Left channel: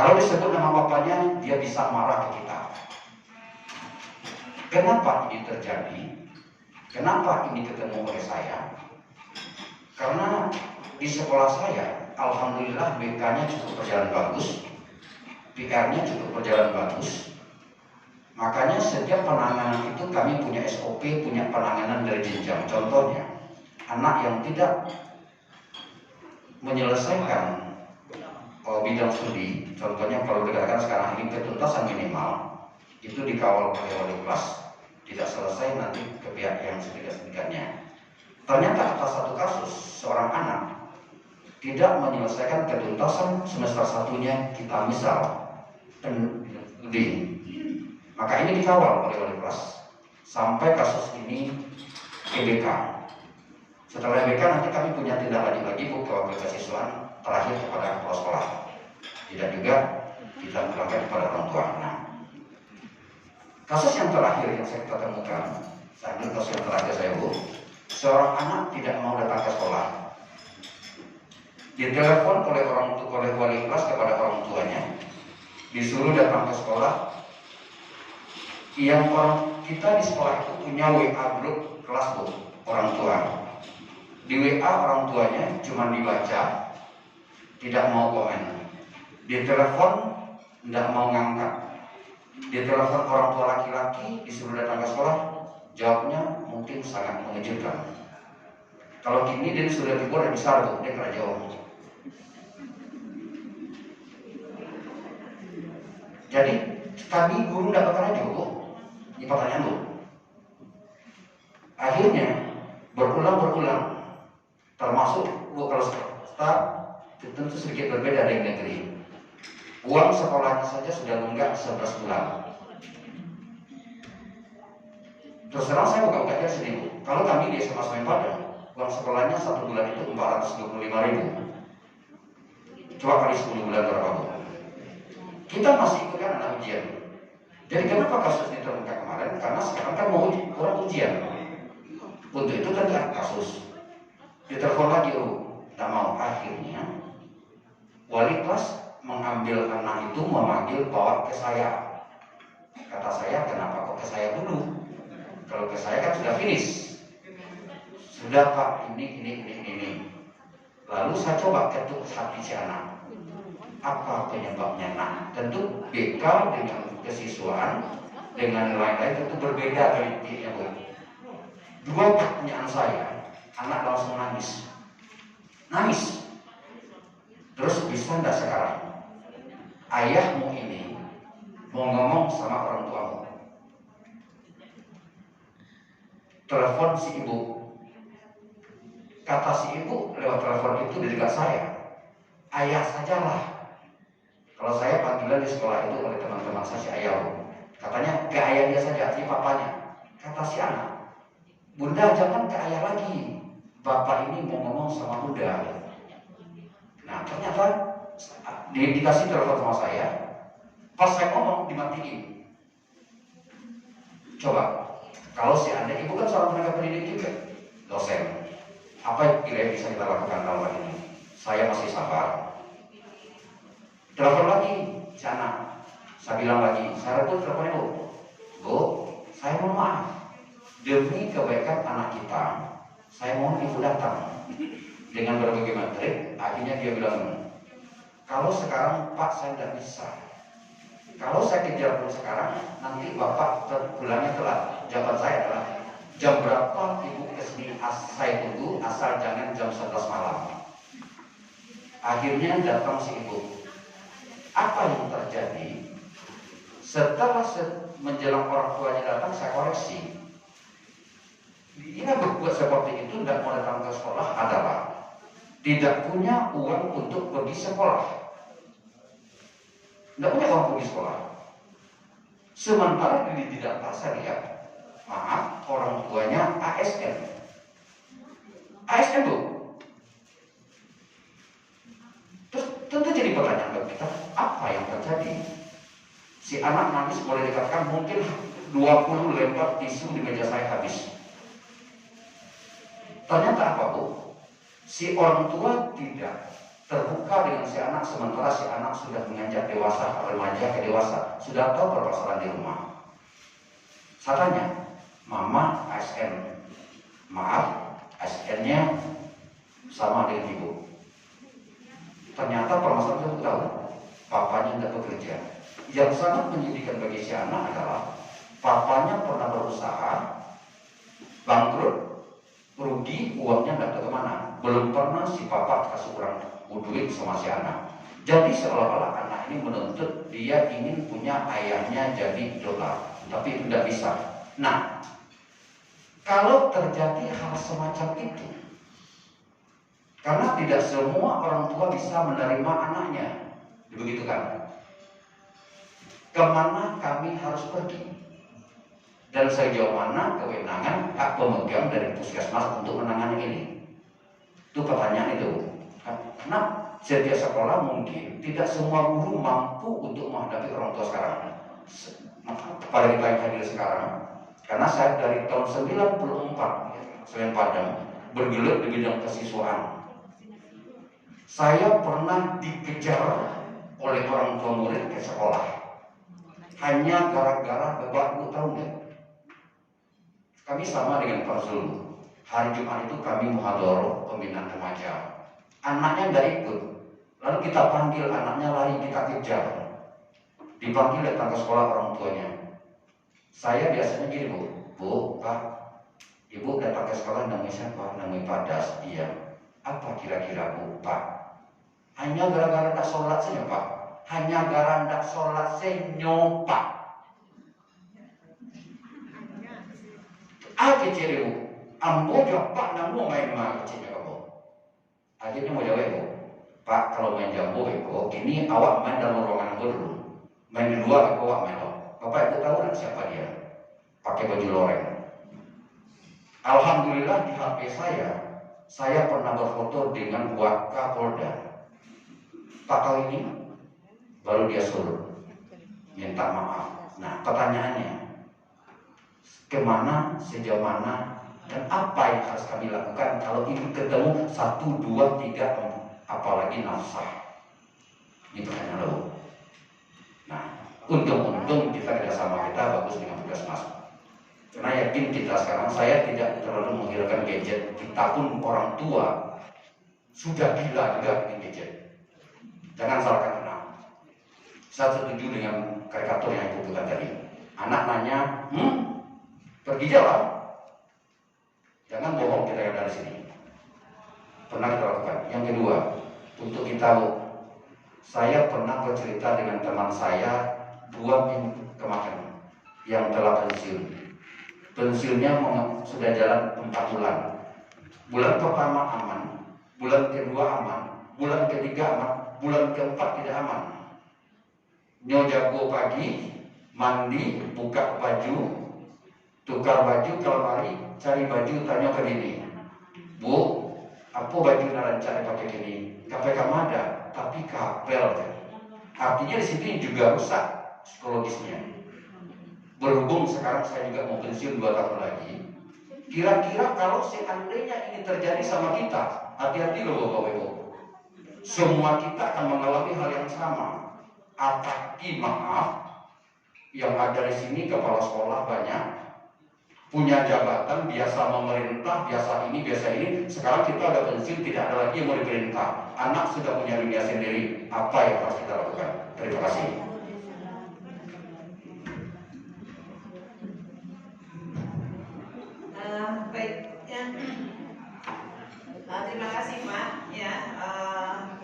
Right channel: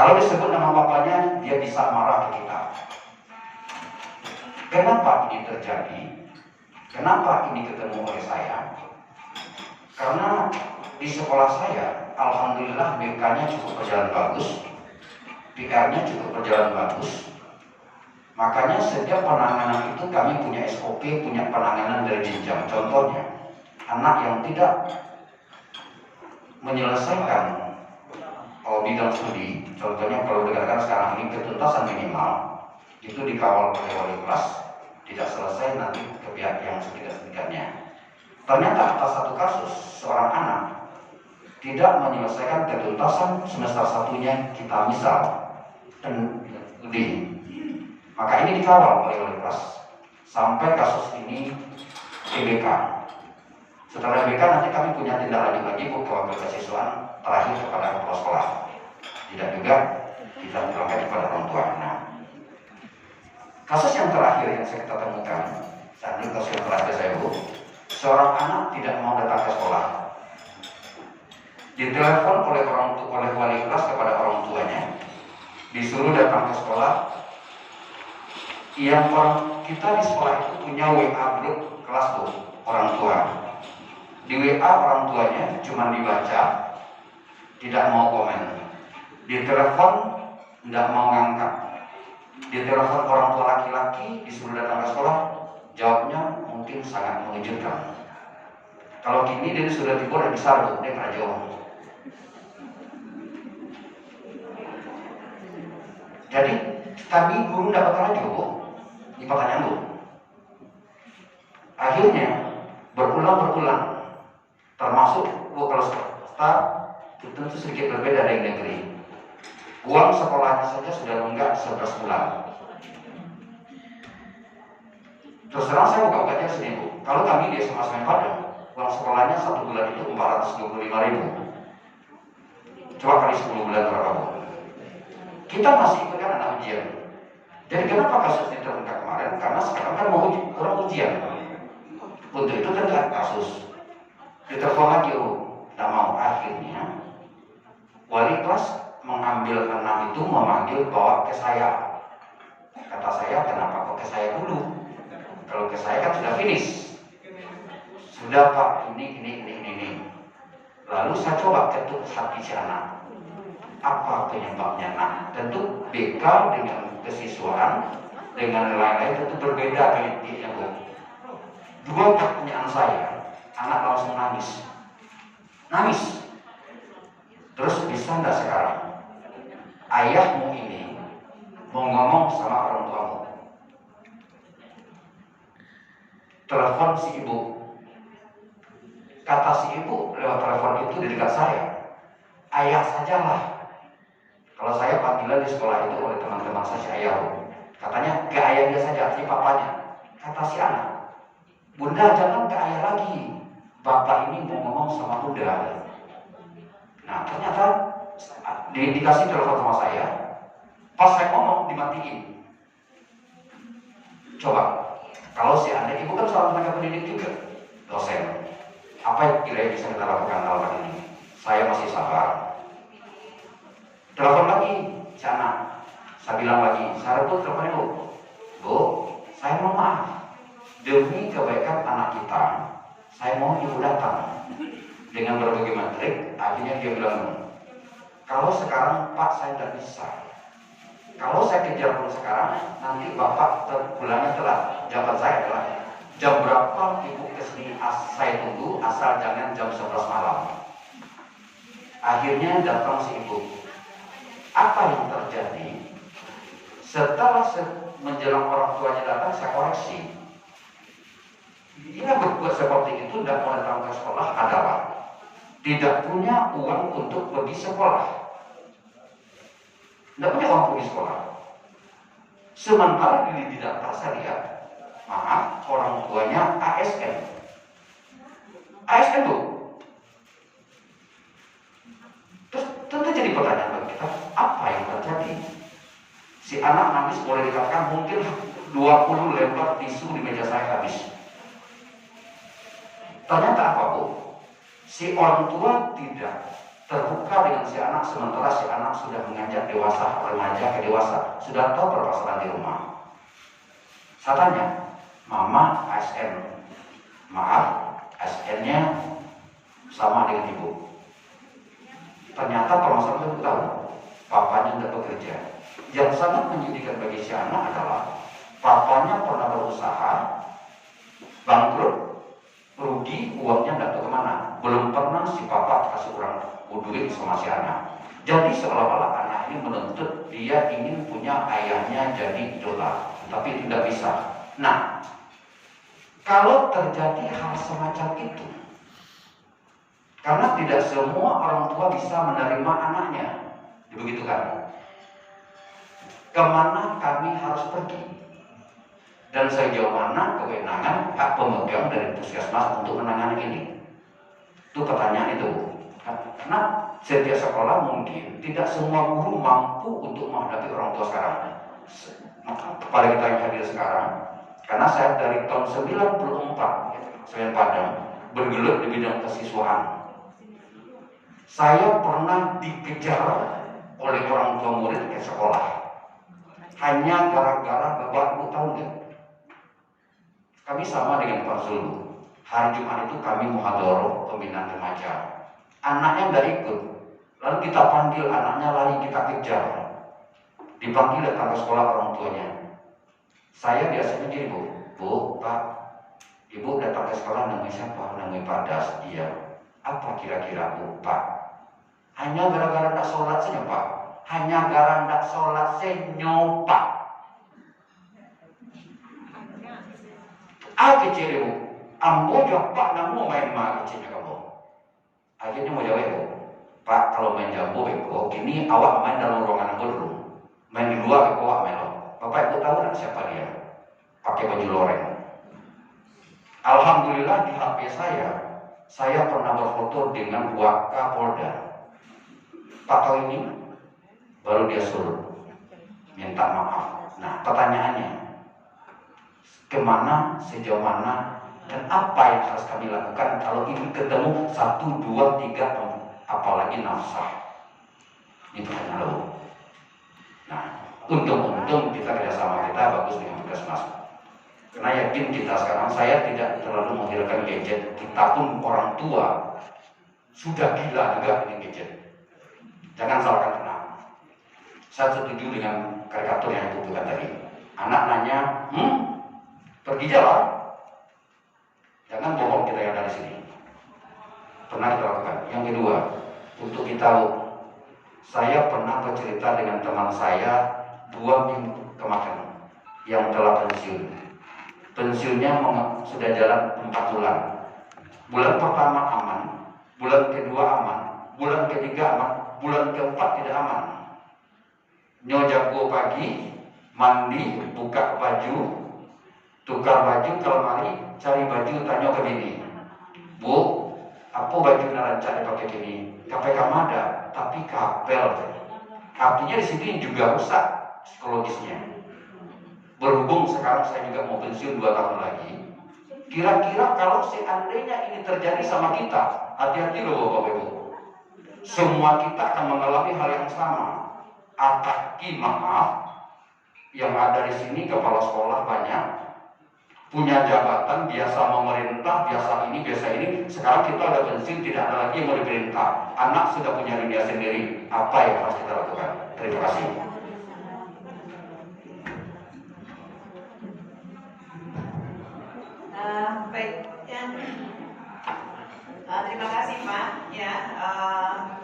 Kalau disebut nama bapaknya, dia bisa marah ke kita. Kenapa ini terjadi? Kenapa ini ketemu oleh saya? Karena di sekolah saya, alhamdulillah BK-nya cukup berjalan bagus, PR-nya cukup berjalan bagus. Makanya setiap penanganan itu kami punya SOP, punya penanganan dari jenjang. Contohnya, anak yang tidak menyelesaikan bidang studi, contohnya kalau dikatakan sekarang ini ketuntasan minimal, itu dikawal oleh wali kelas, tidak selesai nanti ke pihak yang setidak-setidaknya. Ternyata atas satu kasus, seorang anak tidak menyelesaikan ketuntasan semester satunya, kita misal studi, maka ini dikawal oleh wali kelas sampai kasus ini ke BK. Setelah BK nanti kami punya tindak lanjut lagi ke wakil kesiswaan, terakhir kepada kepala sekolah. Tidak juga kita terangkan kepada orang tua. Nah, kasus yang terakhir yang saya temukan, saat ini kasus yang terakhir saya Bu, seorang anak tidak mau datang ke sekolah. Ditelepon oleh wali kelas kepada orang tuanya, disuruh datang ke sekolah. Yang kita di sekolah itu punya WA grup kelas Bu, orang tua. Di WA orang tuanya cuma dibaca, tidak mau komen. Ditelepon tidak mau ngangkat. Ditelepon orang tua laki-laki disuruh datang ke sekolah, jawabnya mungkin sangat mengejutkan. Kalau kini dia sudah dibuat besar Bu, dia pernah jawab. Jadi kami guru dapat radio Bu, ini pertanyaan Bu. Akhirnya berulang, termasuk Bu kalau staf itu tentu sedikit berbeda dari negeri. Uang sekolahnya saja sudah menunggak 11 bulan. Terus terang saya buka-bukanya sini Bu. Kalau kami di SMA Semen Padang, uang sekolahnya 1 bulan itu 425.000. Coba kali 10 bulan berapa Bu? Kita masih ikutkan anak ujian. Jadi kenapa kasus ini terungkap kemarin? Karena sekarang kan mau orang ujian. Untuk itu kan ada kasus. Ditelepon lagi tidak mau. Akhirnya wali kelas mengambil anak itu, memanggil bawa ke saya. Kata saya, kenapa kok ke saya dulu? Kalau ke saya kan sudah finish. Sudah Pak, ini. Lalu saya coba ketuk hati si anak. Apa penyebabnya? Nah, tentu BK dengan kesiswaan dengan lain-lain tentu berbeda politiknya Bu. Dua pertanyaan saya, anak langsung nangis. Terus bisa enggak sekarang ayahmu ini mau ngomong sama orang tuamu? Telepon si ibu. Kata si ibu lewat telepon itu di dekat saya, ayah sajalah. Kalau saya panggilan di sekolah itu oleh teman-teman saya si ayah. Katanya ke ayah dia saja, si papanya. Kata si anak, Bunda jangan ke ayah lagi, bapak ini mau ngomong sama Bunda. Nah ternyata dikasih telepon sama saya, pas saya ngomong dimatiin. Coba, kalau si anak ibu kan seorang tenaga pendidik juga, dosen, apa yang kira-kira bisa kita lakukan dalam hal ini? Saya masih sabar. Telepon lagi si anak, saya bilang lagi, saya pun teleponnya Bu, saya mohon maaf, demi kebaikan anak kita, saya mohon ibu datang. Dengan berbagai materi, akhirnya dia bilang, kalau sekarang Pak saya tidak bisa. Kalau saya kejar pun sekarang, nanti Bapak pulangnya telat. Jawaban saya adalah, jam berapa ibu kesini saya tunggu, asal jangan jam 11 malam. Akhirnya datang si ibu. Apa yang terjadi? Setelah menjelang orang tuanya datang, saya koreksi. Dia berbuat seperti itu dan mau datang ke sekolah adalah tidak punya uang untuk pergi sekolah. Tidak punya uang pergi sekolah. Sementara di data saya lihat, maaf, orang tuanya ASN. ASN Bu. Terus tentu jadi pertanyaan bagi kita, apa yang terjadi? Si anak nangis, boleh dikatakan mungkin 20 lembar tisu di meja saya habis. Ternyata apa Bu? Si orang tua tidak terbuka dengan si anak, sementara si anak sudah menganjak dewasa, remaja ke dewasa, sudah tahu permasalahan di rumah. Saya tanya, mama ASN, maaf, ASN-nya sama dengan ibu. Ternyata permasalahan itu tahu, papanya tidak bekerja. Yang sangat menyedihkan bagi si anak adalah papanya pernah berusaha, bangkrut, rugi, uangnya tidak tahu kemana. Belum pernah si papa kasih duit sama si anak. Jadi seolah-olah anak ini menuntut dia ingin punya ayahnya jadi idola, tapi tidak bisa. Nah, kalau terjadi hal semacam itu, karena tidak semua orang tua bisa menerima anaknya, begitu kan? Kemana kami harus pergi? Dan sejauh mana kewenangan hak pemegang dari puskesmas untuk menangani ini? Itu pertanyaan itu. Karena setiap sekolah mungkin tidak semua guru mampu untuk menghadapi orang tua sekarang. Kepada kita yang hadir sekarang, karena saya dari tahun 94 Semen Padang bergelut di bidang kesiswaan. Saya pernah dikejar oleh orang tua murid ke sekolah hanya gara-gara bapak ibu tahu nggak? Kami sama dengan Pak Zulu. Hari Jumat itu kami muhadharah pembinaan remaja. Anaknya nggak ikut. Lalu kita panggil anaknya, lari kita kejar. Dipanggil datang ke sekolah orang tuanya. Saya biasanya gini, Bu, Pak, Ibu datang ke sekolah namanya siapa? Namanya Pak Das. Iya. Apa kira-kira Bu, Pak? Hanya gara-gara tak sholat saja, Pak. Hanya gara-gara tak sholat saja, Pak. Kecil ibu, ambo jawab Pak, namu main mah kecilnya kamu. Akhirnya mau jawab ibu, Pak kalau main jambu ibu, kini awak main dalam ruangan ambo dulu, main di luar ibu awak main lo. Bapak ibu tahu kan siapa dia? Pakai baju loreng. Alhamdulillah di HP saya pernah berfoto dengan Wakapolda. Pak tahu ini, baru dia suruh minta maaf. Nah pertanyaannya, kemana, sejauh mana, dan apa yang harus kami lakukan kalau ini ketemu 1, 2, 3, apalagi nafsah. Ini pertanyaan lo. Nah, untung kita kerjasama kita bagus dengan puskesmas. Karena yakin kita sekarang, saya tidak terlalu menghilangkan gadget. Kita pun orang tua sudah gila juga dengan gadget. Jangan salahkan anak. Saya setuju dengan karikatur yang ibu bukan tadi. Anak nanya, pergi jalan. Jangan bohong kita yang dari sini. Pernah kita lakukan. Yang kedua, untuk kita tahu, saya pernah bercerita dengan teman saya 2 minggu kemarin yang telah pensiun. Pensiunnya sudah jalan 4 bulan. Bulan pertama aman, bulan kedua aman, bulan ketiga aman, bulan keempat tidak aman. Nyojago pagi, mandi, buka baju, tukar baju, kalau mari cari baju, tanya ke bini, Bu, apa baju narancak dipakai gini? KPK ada, tapi kapel. Artinya di sini juga rusak psikologisnya. Berhubung sekarang saya juga mau pensiun 2 tahun lagi, kira-kira kalau seandainya ini terjadi sama kita, hati-hati loh Bapak Ibu. Semua kita akan mengalami hal yang sama. Apalagi maaf, yang ada di sini kepala sekolah banyak, punya jabatan, biasa memerintah, biasa ini. Sekarang kita ada pensiun, tidak ada lagi yang mau diperintah. Anak sudah punya dunia sendiri. Apa yang harus kita lakukan? Terima kasih. Baik, ya. Terima kasih Pak. Ya,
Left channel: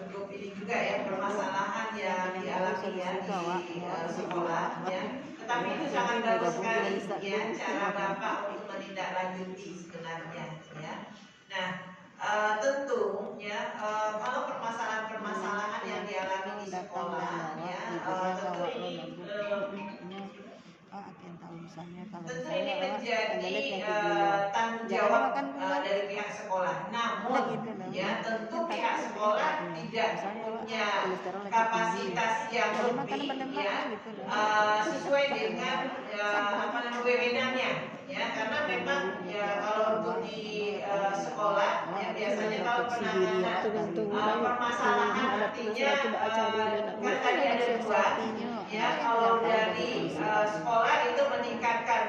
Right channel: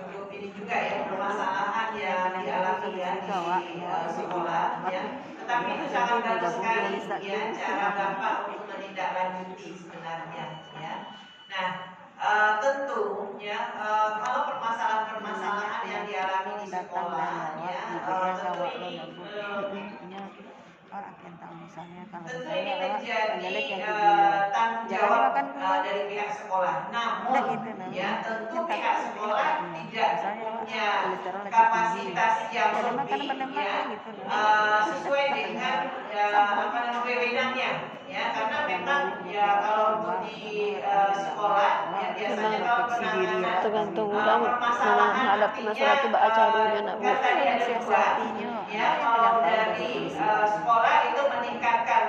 untuk ini juga ya permasalahan yang dialami ya di sekolah. Ya. Tetapi itu sangat bagus sekali ya cara Bapak untuk menindaklanjuti sebenarnya ya. Nah tentu ya kalau permasalahan yang dialami di sekolah ya tentu ini menjadi tanggung jawab dari pihak sekolah. Namun ya tentu pihak sekolah tidak punya kapasitas yang lebih sesuai dengan wewenangnya ya, karena memang ya kalau untuk di sekolah ya biasanya kalau penanganan tergantung orang menghadapi masalah itu baca dulu nak bu kan tadi ada dua ya, kalau dari sekolah itu meningkatkan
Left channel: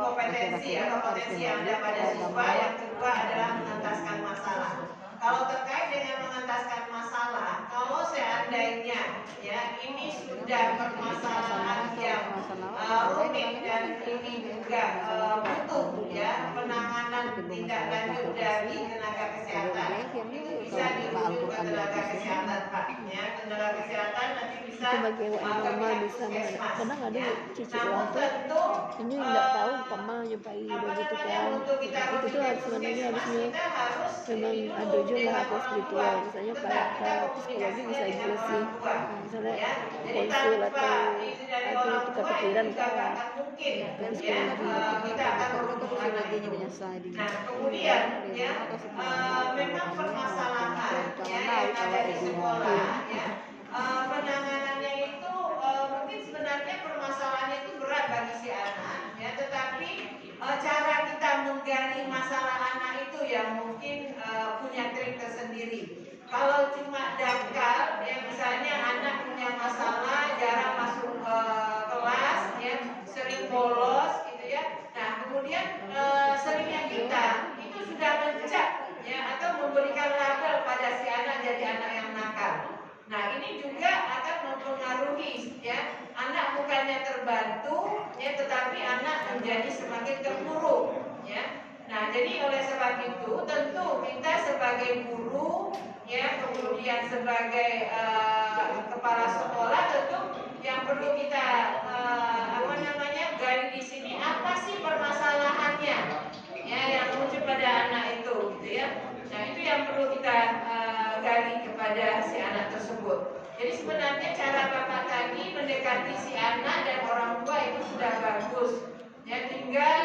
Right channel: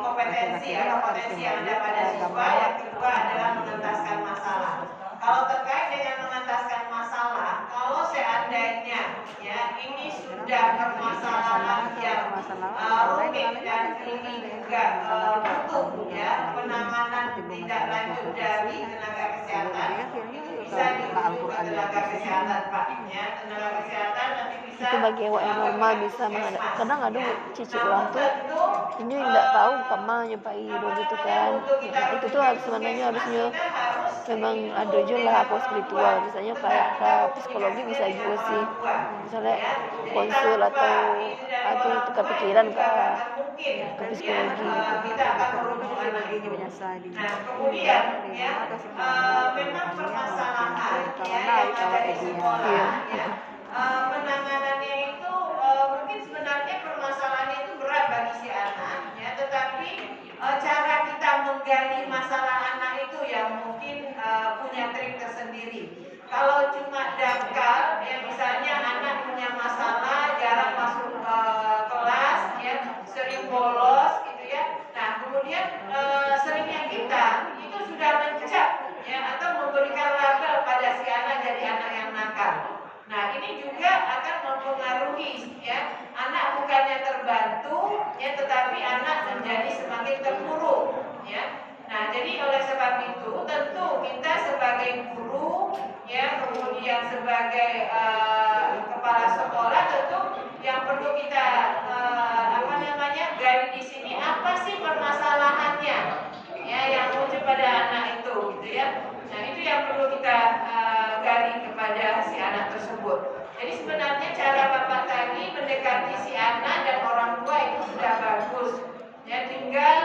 kompetensi yang ada pada siswa, yang kedua adalah mengentaskan masalah. Kalau terkait dengan mengentaskan masalah, kalau seandainya ya ini sudah permasalahan yang rumit dan ini juga butuh ya penanganan tindak lanjut dari tenaga kesehatan, bisa dirujuk ke tenaga kesehatan Pak ya, tenaga kesehatan nanti bisa itu bagi yang normal bisa kadang ada cici orang tuh ini nggak tahu kemana nyampai hidup gitu kan. Nah, itu tuh sebenarnya harusnya memang ada aja lah apa spiritual misalnya kayak ke psikologi bisa juga sih misalnya konsul atau kepikiran ke psikologi gitu. psikologinya menyesal di kemudian ya memang permasalahan ya yang ada di sekolah ya penanganannya itu mungkin sebenarnya permasalahannya itu berat bagi si anak ya, tetapi cara kita menggali masalah anak itu yang mungkin punya trik tersendiri. Kalau cuma dangkal ya, misalnya anak punya masalah jarang masuk kelas ya, sering bolos gitu ya, nah kemudian seringnya kita itu sudah mencap ya atau memberikan label pada si anak jadi anak yang nakal. Nah ini juga akan mempengaruhi ya, anak bukannya terbantu ya, tetapi anak menjadi semakin terpuruk ya. Nah jadi oleh sebab itu tentu kita sebagai guru ya, kemudian sebagai kepala sekolah tentu yang perlu kita gali di sini apa sih permasalahannya ya yang muncul pada anak itu gitu ya. Nah itu yang perlu kita gali kepada si anak tersebut. Jadi sebenarnya cara Bapak tadi mendekati si anak dan orang tua itu sudah bagus ya, tinggal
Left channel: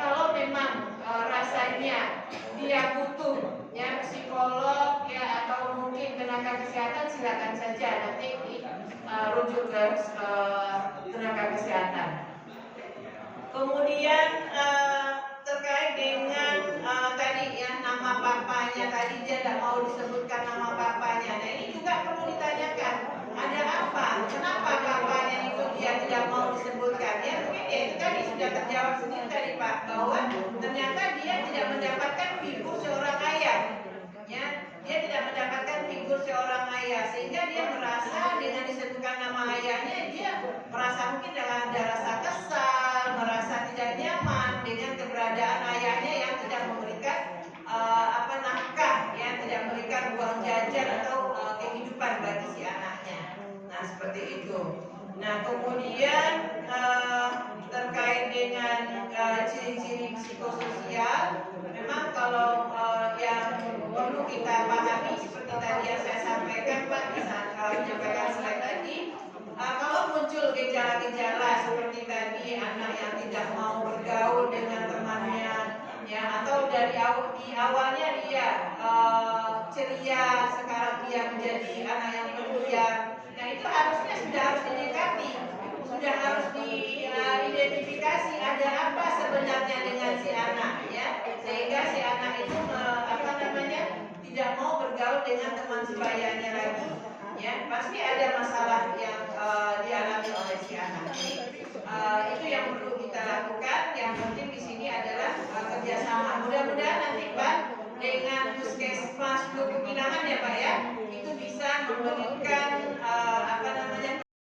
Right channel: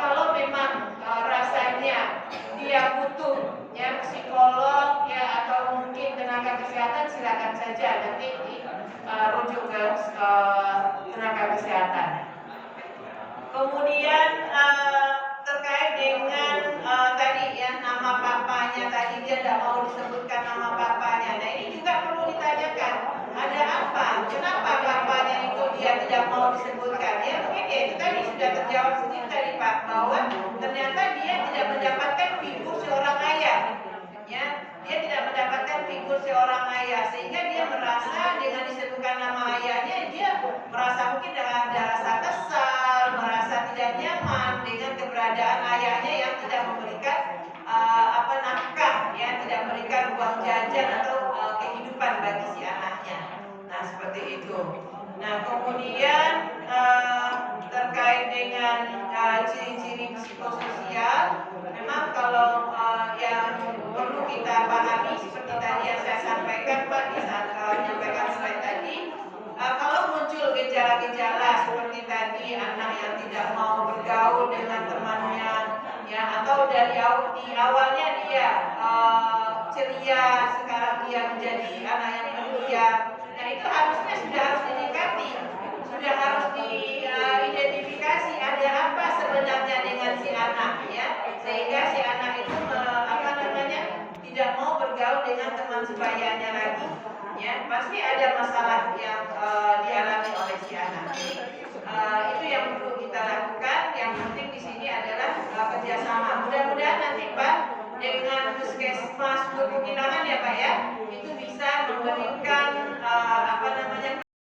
kalau memang rasanya dia butuh ya psikolog ya atau mungkin tenaga kesehatan, silakan saja nanti rujuk ke tenaga kesehatan. Kemudian terkait dengan tadi ya nama bapaknya tadi dia tidak mau disebutkan nama bapaknya. Nah ini juga perlu ditanyakan ada apa? Kenapa bapaknya itu dia tidak mau disebutkan? Ya mungkin ya itu tadi sudah terjawab sendiri tadi Pak bahwa ternyata dia tidak mendapatkan figur seorang ayah. Ya, dia tidak mendapatkan figur seorang ayah sehingga dia merasa dengan disebutkan nama ayahnya dia merasa mungkin dengan ada rasa kesal, merasa tidak nyaman dengan keberadaan ayahnya yang tidak memberikan nafkah ya, tidak memberikan uang jajan atau kehidupan bagi si anaknya. Nah seperti itu. Nah kemudian terkait dengan ciri-ciri psikososial, memang kalau yang perlu kita pahami seperti tadi yang saya sampaikan Pak di saat menyampaikan slide tadi, kalau muncul gejala-gejala seperti tadi anak yang tidak mau bergaul dengan temannya ya, atau dari di awalnya dia ceria, sekarang dia menjadi anak yang pendiam. Nah itu harusnya sudah harus didekati, sudah harus diidentifikasi ada apa sebenarnya dengan si anak ya, sehingga si anak itu tidak mau bergaul dengan teman sebayanya lagi ya, pasti ada masalah yang dialami oleh si anak. Itu yang perlu kita lakukan. Yang penting di sini adalah kerjasama. Mudah-mudahan nanti Pak dengan puskesmas Lubuk Ilangan ya Pak ya, itu bisa memberikan